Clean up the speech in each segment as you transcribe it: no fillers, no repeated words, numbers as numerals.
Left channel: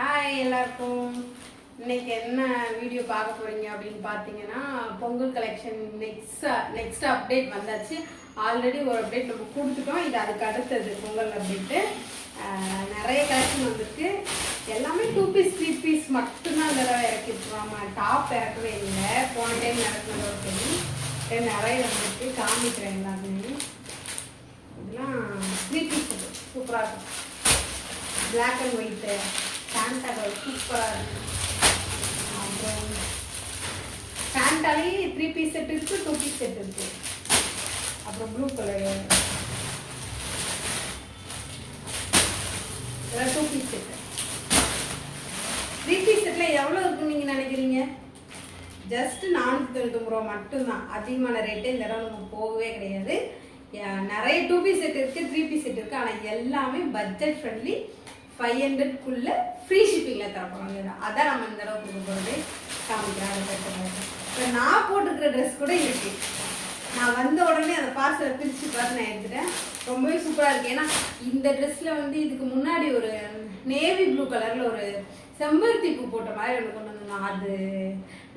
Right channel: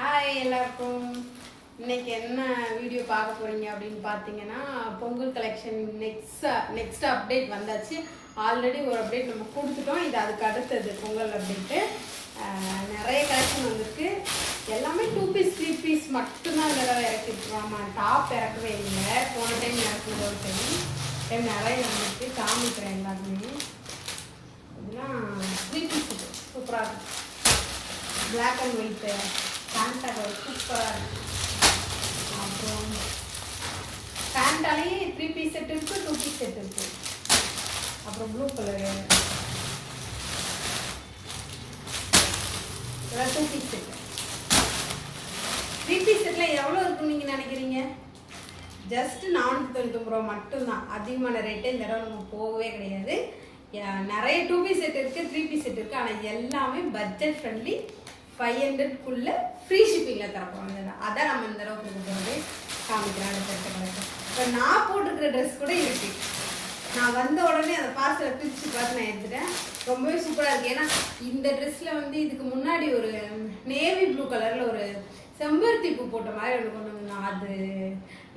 Hi எல்லாருக்கும். இன்னைக்கு என்ன வீடியோ பார்க்க போறீங்க அப்படின்னு பார்த்தீங்கன்னா, பொங்கல் கலெக்ஷன் நெக்ஸ்ட் அப்டேட் வந்தாச்சு. ஆல்ரெடி ஒரு அப்டேட் நம்ம கொடுத்துட்டோம். இது அதுக்கு அடுத்தது பொங்கல் அப்டேட்டு. நிறைய கலெக்ஷன் வந்திருக்கு. எல்லாமே 2 பீஸ் 3 பீஸ் மட்டும்தான் இந்த தடவை இறக்கிட்டுருவாங்க. டாப் இறக்கவே இல்லை. போன டைம் இறக்குனதோட சரி நிறைய வந்துருக்கு. காமிக்கிறேன் எல்லாருமே. இதெல்லாம் 3 பீஸ் சூப்பராக இருக்கும். பிளாக் அண்ட் ஒயிட்டு பேண்டா கலர் சூப்பராக இருக்குது. அப்புறம் பேண்டாலே 3 பீஸ் செட் இருக்குது, 2 பீஸ் செட் இருக்குது. அப்புறம் ப்ளூ கலரு இதெல்லாம் 2 பீஸ் செட்டு. 3 பீஸ் செட்டில் எவ்வளோ இருக்குன்னு நீங்கள் நினைக்கிறீங்க? ஜஸ்ட் 499 ரூபா மட்டும்தான். அதிகமான ரேட்டு இந்த தடவை நமக்கு போகவே கிடையாது. நிறைய 2 பீஸ் செட் இருக்குது, 3 பீஸ் செட் இருக்குது. ஆனால் எல்லாமே பட்ஜெட் ஃப்ரெண்ட்லி. 500க்குள்ள ஃப்ரீ ஷிப்பிங்கில் தரப்போங்க. அதான் நம்ம இந்த தடவை கொடுக்க போகிறது. காமிக்கிறேன். இப்போ நான் போட்டிருக்கிற ட்ரெஸ் கூட இருக்கு. நான் வந்த உடனே அந்த பார்சலை பிரித்து பார்த்து நான் எடுத்துட்டேன். ரொம்பவே சூப்பராக இருக்குது. ஏன்னா இந்த ட்ரெஸ்ஸில் வந்து இதுக்கு முன்னாடி ஒரு நேவி ப்ளூ கலரில் ஒரு செம்பருத்தி பூ போட்ட மாதிரி ஒன்று கொண்டு வந்தோம். அது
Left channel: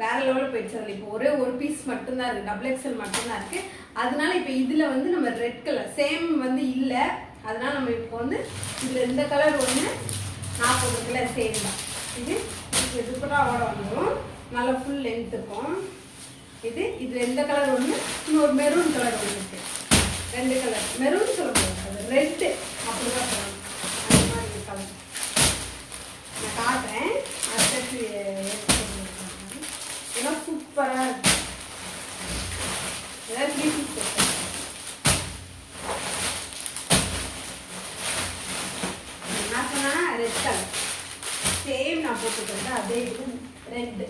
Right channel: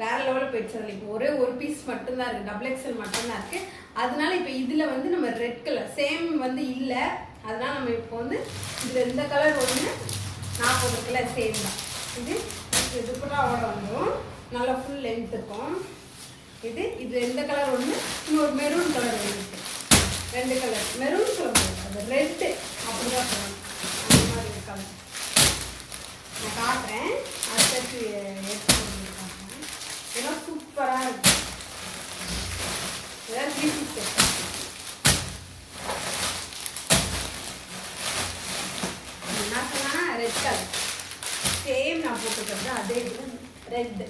வேற லெவலில் போயிடுச்சு. அதில் இப்போ ஒரு பீஸ் மட்டும்தான் இருக்குது. டபுள் எக்ஸல் மட்டும்தான் இருக்குது. அதனால இப்போ இதில் வந்து நம்ம ரெட் கலர் சேம் வந்து இல்லை. அதனால நம்ம இப்போ வந்து இதில் இந்த கலர் ஒன்று 40 கலர் சேம் தான். இது துப்பட்டாவோட வந்துடும். நல்லா ஃபுல் லென்த் இருக்கும். இது எந்த கலர் ஒன்று, இன்னொரு மெரூன் கலர் ஒன்று இருக்கு. 2 கலர் மெரூன் சொல்ல முடியாது, அது ரெட்டு அப்படிதான் சொல்லணும். அந்த மாதிரி ஒரு கலர் நான் காட்டுறேன். அடுத்து எடுத்து காட்டுறேன். இதெல்லாம் சூப்பராக இருக்கு. இதெல்லாம் 3 பீஸ் செட். என்ன சொன்னா ரெட் கலர் சேம் நான் போட்டுக்கிறது அதே இது ரெட்.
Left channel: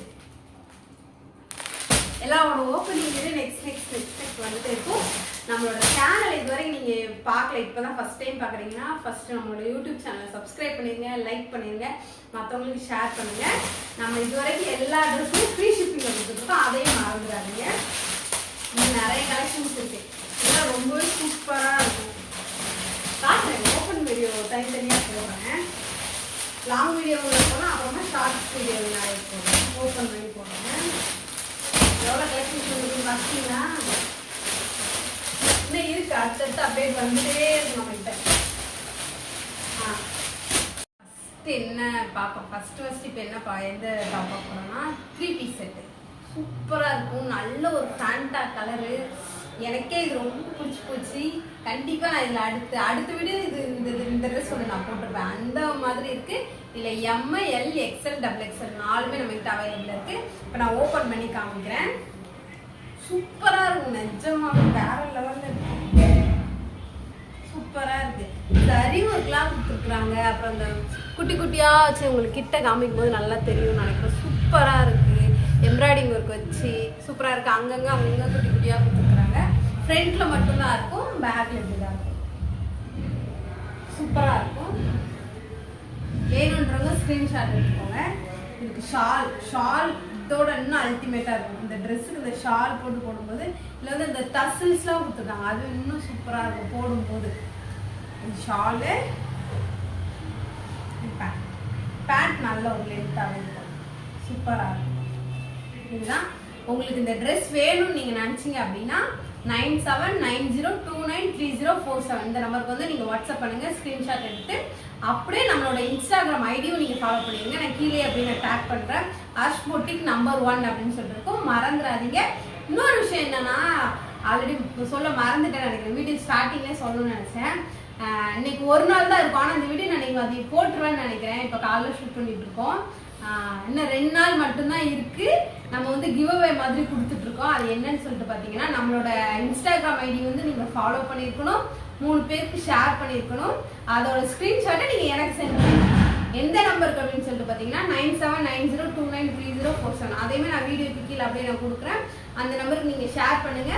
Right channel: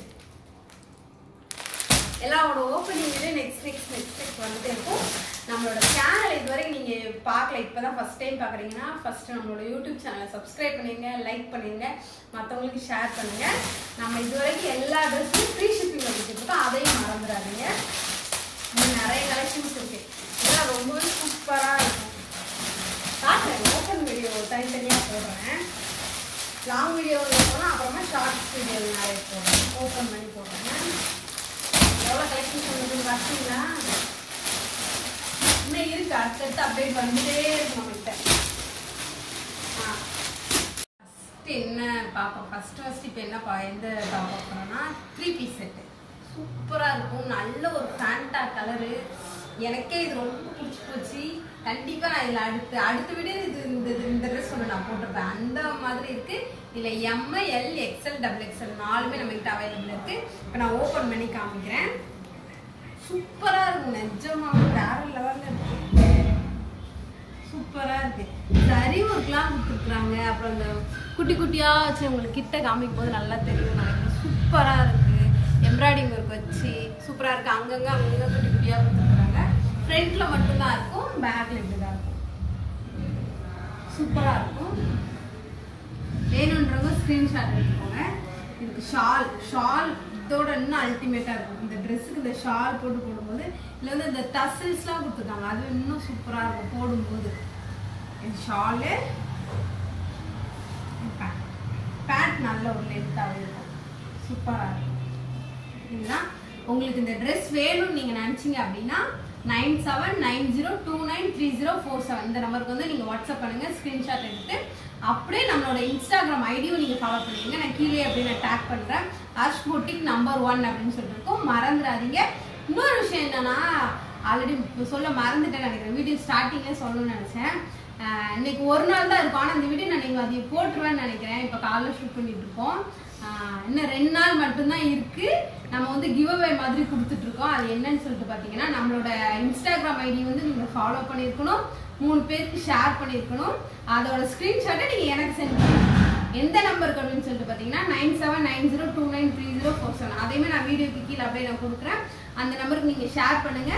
எல்லாரோட ஓப்பனிங் நெக்ஸ்ட் வந்துட்டு இருக்கும். நம்மளோட சேனல் இதுவரைக்கும் நீங்கள் பார்க்கல, இப்போ தான் ஃபஸ்ட் டைம் பார்க்குறீங்கன்னா ஃபஸ்ட்டு நம்மளோட யூடியூப் சேனலை சப்ஸ்கிரைப் பண்ணிடுங்க, லைக் பண்ணிடுங்க, மற்றவங்களுக்கு ஷேர் பண்ணுங்கள். நம்ம இதுவரைக்கும் எல்லா ட்ரெஸ்ஸும் ஃப்ரீ ஷிப்பிங்கில் கொடுத்துருக்கோம். அதையும் மறந்துடாதீங்க. இன்னும் நிறைய கலெக்ஷன்ஸ் இருக்குது. இதெல்லாம் ரொம்பவே சூப்பராக இருக்கும். காட்டுறேன். ஓப்பன் வீடியோ தனித்தனியாக போடுறேன். லாங் வீடியோவில் போனால் அப்புறமா ஷார்ட்ஸ் வீடியோவில் நிறைய போடுறேன். ஓப்பன் பண்ணி போடுறேன். எவ்வளோ கலெக்ஷன்ஸ் இருக்குன்னு பார்த்தீங்கன்னா இன்னும் இருக்குது. அடுத்தடுத்து அப்டேட் வந்துட்டே இருக்கு நம்மகிட்ட. ஃபஸ்ட்டு என்ன பார்ப்போம். ஃபஸ்ட்டு இப்போ என்ன எந்த டாப் பார்க்குறோன்னா 3 பீஸ் செட்டு சூப்பராக இருக்கும். நல்ல ஒரு ஃபேண்டா கலரு. எனக்கே இது ரொம்ப பிடிச்சி போச்சு. கண்டிப்பாக நான் இதில் அடுத்த வீடியோ இந்த ட்ரெஸ் ஒன்று நான் போட்டிருப்பேன். அந்த மாதிரி இருக்குது. இதில் M, L, XL, double XL 4மே நம்மகிட்ட அவைலபிள் இருக்குது. இப்போ நான் ஓப்பன் பண்ணி காமிக்கிறேன். சூப்பராக இருக்கும். நிஜமாக வேற லெவலில் இருக்கு. சூப்பராக இருக்குது. சரி ஒர்க்லாம் கொடுத்துருக்குறாங்க. அப்புறம் அந்த குட்டி குட்டியாக வச்சு உங்களுக்கு கிட்ட காமிக்கும் போது நல்லா தெரியும் நினைக்கிறேன். சூப்பராக இருக்குது. எம்ப்ராய்டிங் ஒர்க் வச்சு சூப்பராக இருக்குது. அங்கங்கே குட்டி குட்டியாக கொடுத்துருக்குறாங்க. ஃப்ரண்ட்டில் மட்டும்தான் இருக்கும், பேக்கில் இப்படிதான் இருக்கும். சூப்பராக இருக்கும். வேணுன்றவங்க ஸ்க்ரீன்ஷாட் எடுத்துக்கோங்க. இதுக்கு ஷால் இதோட இன்னும் அல்டிமேட்டாக இருக்கும். இந்த ட்ரெஸ்ஸுக்கு இந்த ஷால் போடும்போது இதில் வந்து இந்த டசில்ஸ்லாம் கொடுத்துருக்காங்க. அது இன்னும் சூப்பராக இருக்கும் போடும்போது. ஷாலு பேண்ட் நல்ல ஒரு லென்த்தாகவே இருக்கும். சூப்பராக இருக்கும். இதுதான் உங்களுக்கு இந்த ட்ரெஸ் வேணும்னு நீங்கள் நினச்சிங்க அப்படின்னா 9790293047 இந்த நம்பருக்கு வந்து நீங்கள் வாட்ஸ்அப் பண்ணுங்கள். ஸ்க்ரீன்ஷாட் எடுத்து அப்படியே நம்மளோட இன்ஸ்டாகிராம் ஐடியும் நீங்கள் ஃபாலோ பண்ணிடுங்க. நான் கீழே அப்படின்னு டேக் பண்ணுறேன். அர்ஷ் பொட்டிக் நம்பர் 1 அப்படின்னு சொல்லியிருக்கோம். மறந்துடாதீங்க. இன்னொரு விஷயம் என்னன்னா, ஆல்ரெடி சொல்ல மறந்துட்டேன் நினைக்கிறேன். வீடியோ ஸ்டார்டிங்லேயே சொல்லணும்னு நினச்சேன். இன்னைக்கு ஒரு நாள் தான் இருக்கும். ஆனால் இந்த வீடியோ நான் நீங்கள் அதை போட்டுருவேன்னு நினைக்கிறேன். இப்போ காலைல ஷூட் பண்ணிட்டு இருக்கோம். இன்னும் 2 நாள் மட்டும்தான் இருக்கு. நம்ம வந்து கிவ் அவே மாதிரி கொடுத்துட்டு இருக்கோம். அது என்னன்னு சொல்லிட்டு பார்த்தீங்கன்னா, நம்மளோட இன்ஸ்டாகிராம் ஐடி வந்து நீங்கள் ஃபாலோ பண்ணியிருக்கணும், 3 பேருக்கு ஷேர் பண்ணியிருக்கணும். அதோட ஸ்க்ரீன்ஷாட்டை நீங்கள் எனக்கு சென்ட் பண்ணணும். எந்த நம்பருக்கு அப்படின்னு சொல்லிட்டு பார்த்தீங்கன்னா 9790293047. அதேமே நான் வீடியோக்கு கீழே அப்படியே நான் கொடுக்குறேன். அந்த நம்பருக்கு நீங்கள் ஷேர் பண்ணுங்க.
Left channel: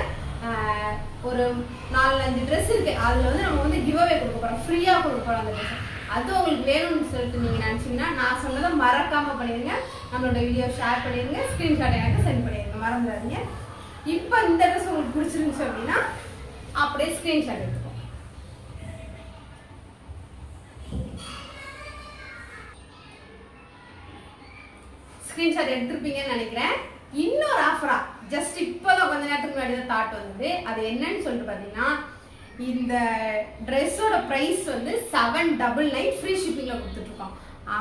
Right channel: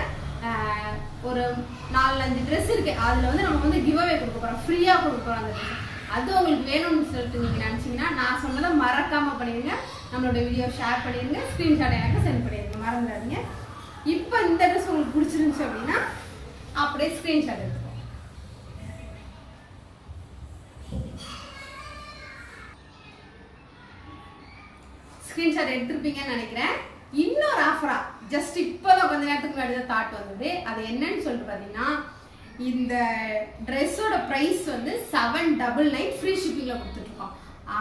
ஒரு 4-5 ட்ரெஸ் இருக்கு. அதில் வந்து நம்ம வந்து கிவ் அவே கொடுக்க போகிறோம், ஃப்ரீயாக கொடுக்க போகிறோம். அந்த ட்ரெஸ் அது உங்களுக்கு வேணும்னு சொல்லிட்டு நீங்கள் நினச்சிங்கன்னா நான் சொன்னதை மறக்காமல் பண்ணிடுங்க. நம்மளோட வீடியோ ஷேர் பண்ணிடுங்க, ஸ்க்ரீன்ஷாட் எனக்கு சென்ட் பண்ணிடுங்க, மறந்துடாதீங்க. இப்போ இந்த ட்ரெஸ் உங்களுக்கு பிடிச்சிருந்துச்சு அப்படின்னா அப்படியே ஸ்க்ரீன்ஷாட் எடுத்துக்கோங்க. ஸ்கிரீன்ஷாட் எடுத்திருப்பீங்கன்னு நினைக்கிறேன். இன்னொரு ஆஃபரா ஜஸ்ட் இப்போதான் கொஞ்ச நேரத்துக்கு முன்னாடி தான் தாட் வந்தது. அது என்னன்னு சொல்லிட்டு பார்த்தீங்கன்னா, இந்த ட்ரெஸ்ஸோட ப்ரைஸ் வந்து 799 ஃப்ரீ ஷிப்பிங்கில் கொடுத்துட்ருக்கோம்.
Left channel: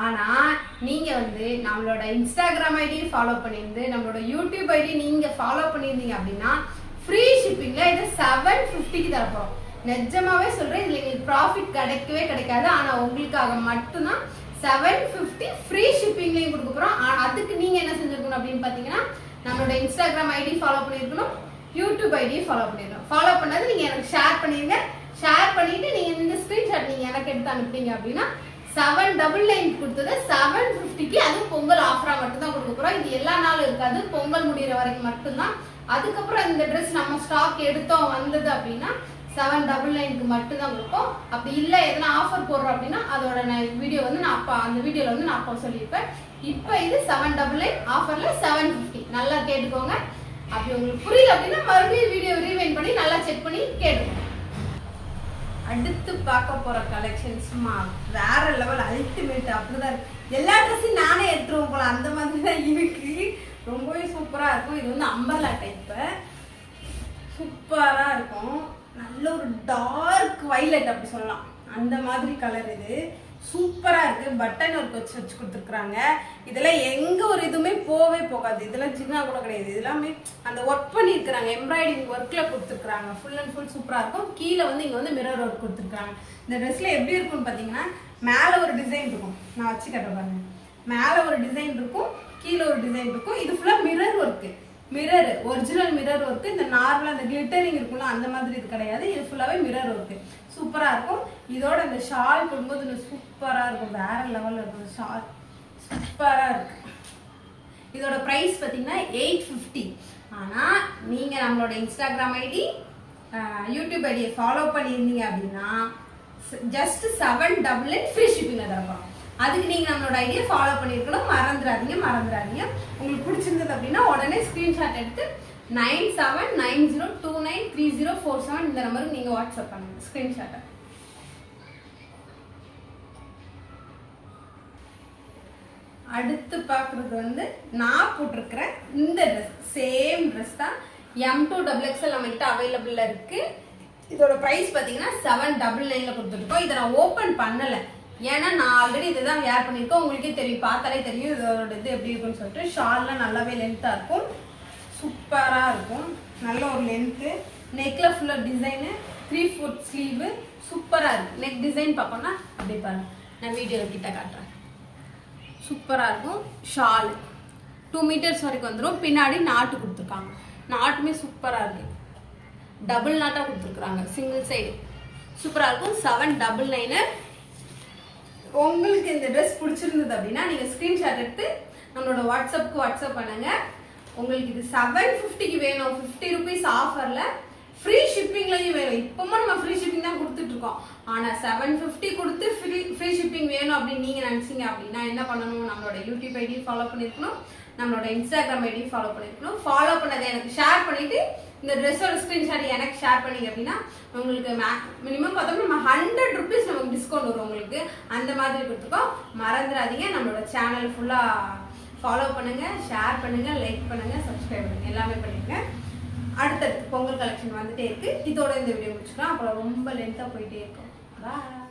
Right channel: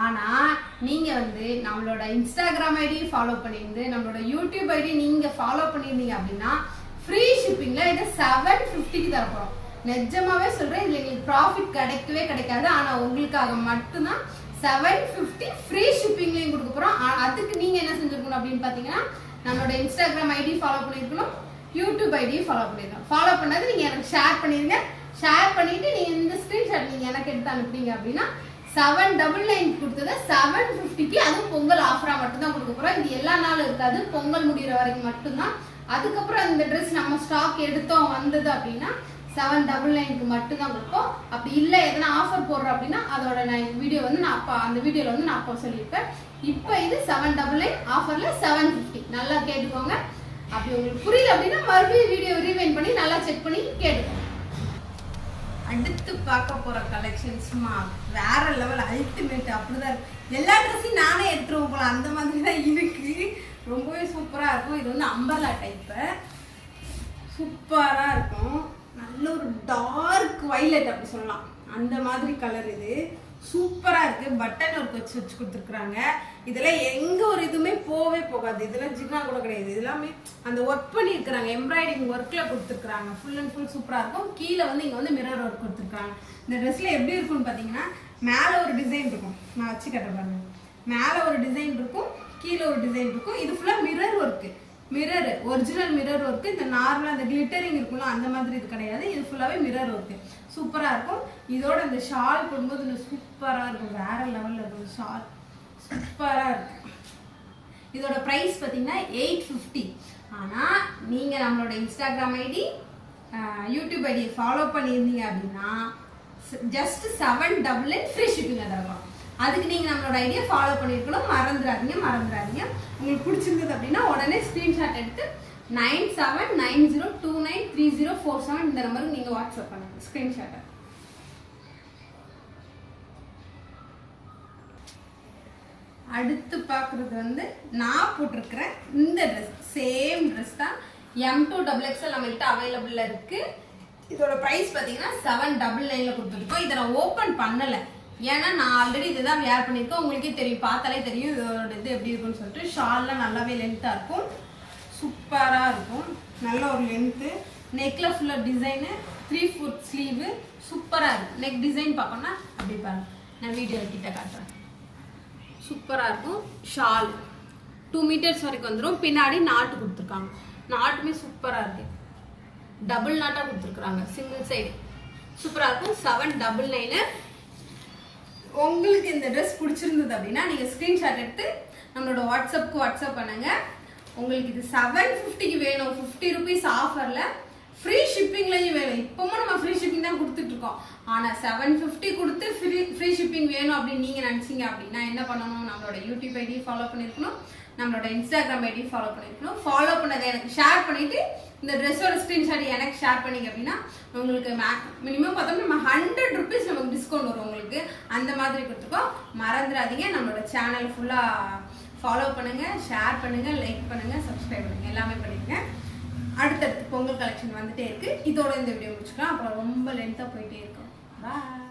ஆனால் நீங்கள் வந்து நம்மளோட இன்ஸ்டாகிராம் ஐடி ஃபாலோ பண்ணியிருந்து நம்மளோட யூடியூப் ஐடி நீங்கள் ஃபாலோ பண்ணியிருந்தீங்க அப்படின்னா ஃப்ரீ ஷிப்பிங்கில் இதை 750க்கு தரப்போகிறோம். நிஜமாவே சொல்கிறேன், இதில் எங்களுக்கு ப்ராஃபிட் கிடைக்கவே கிடைக்காது. ஆனால் உங்களுக்காக மட்டும்தான் 750 ஃப்ரீ ஷிப்பிங்லையும் கொடுக்க போகிறோம். அதுக்கு நீங்கள் என்ன செஞ்சுருக்கணும் அப்படின்னு பார்த்தீங்கன்னா, நம்மளோட இன்ஸ்டாகிராம் ஐடி ஃபாலோ பண்ணியிருக்கணும், யூடியூப் ஐடியை ஃபாலோ பண்ணிருக்கணும். ஃபாலோ பண்ணது நீங்கள் எனக்கு ஷேர் பண்ணிடுங்க. ஷேர் பண்ணிட்டு நீங்கள் இந்த ஸ்க்ரீன்ஷாட் நீங்கள் எனக்கு எடுத்து அனுப்பிட்டீங்க அப்படின்னா 799 கொடுத்தது 750க்கு, அதுவும் பொங்கல் ஆஃபரா மட்டும்தான் கொடுக்க போகிறோம். இது எல்லா நாளும் இருக்காது, பொங்கல் முடிகிற வரைக்கும் மட்டும்தான். அதுக்கப்புறம் இந்த ட்ரெஸ் நம்ம ஸ்டாக் எடுத்தோம் வந்தது அப்படின்னா 799க்கு மட்டும்தான் கொடுப்போம். அப்படி இல்லை எதனா ஆஃபர் போடுறோம் அப்படின்னா அதோட வீடியோ வந்து நான் அப்போ அந்த வீடியோவில் வந்து நான் அப்போ சொல்லியிருப்பேன். இப்போ இது 799 ஆஃபரில் 750. நல்லா கேட்டுக்கோங்க. அப்படி உங்களுக்கு புரியல அப்படின்னா மறுபடியும் வீடியோ ரீவைண்ட் பண்ணி நல்லா செக் பண்ணி கேட்டுக்கோங்க. அடுத்து பார்க்க போகிற கலெக்ஷன்ஸ்மா வேற லெவல் அல்டிமேட். அப்படிதான் இருக்கு. எல்லா ட்ரெஸ்ஸையும் நானே எடுத்துருவோம் போல அந்த மாதிரி தான் இருக்கு. ரொம்பவே சூப்பராக இருக்கும். இது வந்து அம்பர்லா டைப்பு, சூப்பராக இருக்கும். நல்ல ஒரு டார்க் வைலட் அப்படி சொல்லலாம், அந்த மாதிரி கலர். இது சூப்பராக இருக்குது. பட்டன் ஒர்க் வச்சு கொடுத்துருக்குறாங்க. இதெல்லாம் எங்கே ஒரு இதுவுமே போகவே போகாது. இதெல்லாம் சின்ன கூட கிடையாது. இதெல்லாமே அந்த ஒர்க் பண்ணியிருக்கிறாங்க, எம்ப்ராய்டிங் ஒர்க்கில் கொடுத்துருக்குறாங்க. ஃபுல் அண்ட் ஃபுல் சூப்பராக இருக்கும். கீழே வந்து இங்கே வந்து மிரர் ஒர்க் கொடுத்துருக்காங்க. இந்த ட்ரெஸ்ஸில் எப்படி இருக்கும்னு பார்த்தீங்கன்னா, மேலே ஒரு டிசைன் இருக்கும். நான் வச்சு கட்ட பாருங்க. மேலே ஒரு டிசைன் இருக்கும், கீழே ஒரு டிசைன் இருக்கும். இது ஃபுல்லாக mirror work. Mirror original mirror work. இந்த நார்மலாக இந்த கிளிட்டரிங் இருக்குல்ல அந்த மாதிரி இது கிடையாது. இது ஃபுல்லாகவே மிரர் ஒர்க்கு. சூப்பராக இருக்கும். இதோட இந்த ஷால் போடும்போது இன்னும் சூப்பராக இருக்கும். வேற லெவலில் இருக்கும். ஷால் சூப்பராக இருக்கு. இதோட ப்ரைஸ் பார்த்தீங்கன்னா 850. ஆனால் நீங்கள் நம்மளோட இன்ஸ்டாகிராம் ஐடி யூடியூப் ஐடியை ஃபாலோ பண்ணியிருந்தீங்க அப்படின்னா ஜஸ்ட் 799 ஃப்ரீ ஷிப்பிங் தரப்போம். அதுக்கு நீங்கள் நம்மளோட ஐடியா ஃபாலோ பண்ணியிருக்கணும். மறந்துடாதீங்க. உங்களுக்கு பிடிச்சிருந்தது அப்படின்னா உடனே ஸ்க்ரீன்ஷாட் எடுத்து 9790293047 இந்த நம்பருக்கு நீங்கள் வாட்ஸ்அப் பண்ணுங்க ஸ்க்ரீன்ஷாட்டை. அடுத்து பார்க்குறது வந்து நான் போட்டிருக்கிற இந்த ட்ரெஸ். சேம் ட்ரெஸ் தான். M2XXL நம்மள்கிட்ட அவைலபிளில் இருக்குது. இதோட ப்ரைஸ் பார்த்தீங்கன்னா 799 கொடுத்துருக்கோம். இதை நான் ஓப்பன் பண்ணலை, ஏன்னா நான் ஆல்ரெடி இதுதான் வேர் பண்ணியிருக்கேன். உங்களுக்கே தெரியும், பார்த்தாலே தெரியும் இதோட இது எப்படி இருக்குன்னு சொல்லிட்டு. ஷால்லாம் நல்லாவே லென்த்தாக இருக்கும், சூப்பராக இருக்கும். நல்ல ஒரு லென்த்து. நெக்கில் ஃபுல்லாக டிசைனு, 3/4 ஸ்லீவு, சூப்பராக இருக்குது. நெக் டிசைன் பார்க்கணும்னா அப்படி பாருங்க, நான் வீடியோவில் கிட்ட காட்டுறேன். சூப்பராக இருக்கும். ஷால் 2 மீட்டர்ஸ் வரைக்கும் வந்துடும். பின்னாடி நாட்டு கொடுத்துருக்காங்க. நாட்டுமே சூப்பராக இருக்குது. டபுள் நாட்டாக கொடுத்துருக்குறாங்க, சிங்கிள் சைடு. சூப்பராக இருக்கும். 799. உங்களுக்கு இந்த ட்ரெஸ் பிடிச்சிருந்தது அப்படின்னா நீங்கள் ஸ்க்ரீன்ஷாட் எடுத்து நம்மளோட வாட்ஸ்அப் பண்ணுங்க. உங்களுக்கு இது 750க்கு வேணும், 50 ருபீஸ் ஆஃபரில் ஃப்ரீ ஷிப்பிங்லையும் வேணும். இப்போவும் நம்ம ஃப்ரீ ஷிப்பிங் தான் கொடுத்துட்ருக்கோம். ஆனால் 750 கொடுத்து ஃப்ரீ ஷிப்பிங் வேணும் அப்படின்னு நீங்கள் நினச்சிங்க அப்படின்னா என்ன பண்ணணும், நம்மளோட யூடியூப் ஐடி ஃபாலோ பண்ணியிருக்கணும், நம்மளோட இன்ஸ்டாகிராம் ஐடி ஃபாலோ பண்ணியிருக்கணும். ஃபாலோ பண்ணதை எனக்கு ஷேர் பண்ணிவிட்டு இந்த ட்ரெஸ்ஸோட ஸ்க்ரீன்ஷாட் எனக்கு ஷேர் பண்ணிங்க அப்படின்னா உங்களுக்கு மினிமம் பார்த்தோம்னா நம்ம 100 ருபீஸ் நமக்கு டிஸ்கவுண்ட் வரும் உங்களுக்கு. அந்த மாதிரி கொடுத்துக்கோ. மறந்துடாதீங்க, நம்மளோட சேனல் ஃபுல்லாக ஃபாலோ பண்ணுங்கள், ஷேர் பண்ணுங்கள், லைக் பண்ணுங்கள், சப்ஸ்கிரைப் பண்ணுங்கள், எல்லாமே பண்ணிக்கங்க. அடுத்தடுத்து பொங்கல் கலெக்ஷன் வந்துட்டே இருக்குது. இதோட இந்த வீடியோ முடிச்சுக்கலாம். அப்புறம் ரொம்ப லென்த்தாக போயிட்டே இருக்கும். பாய்.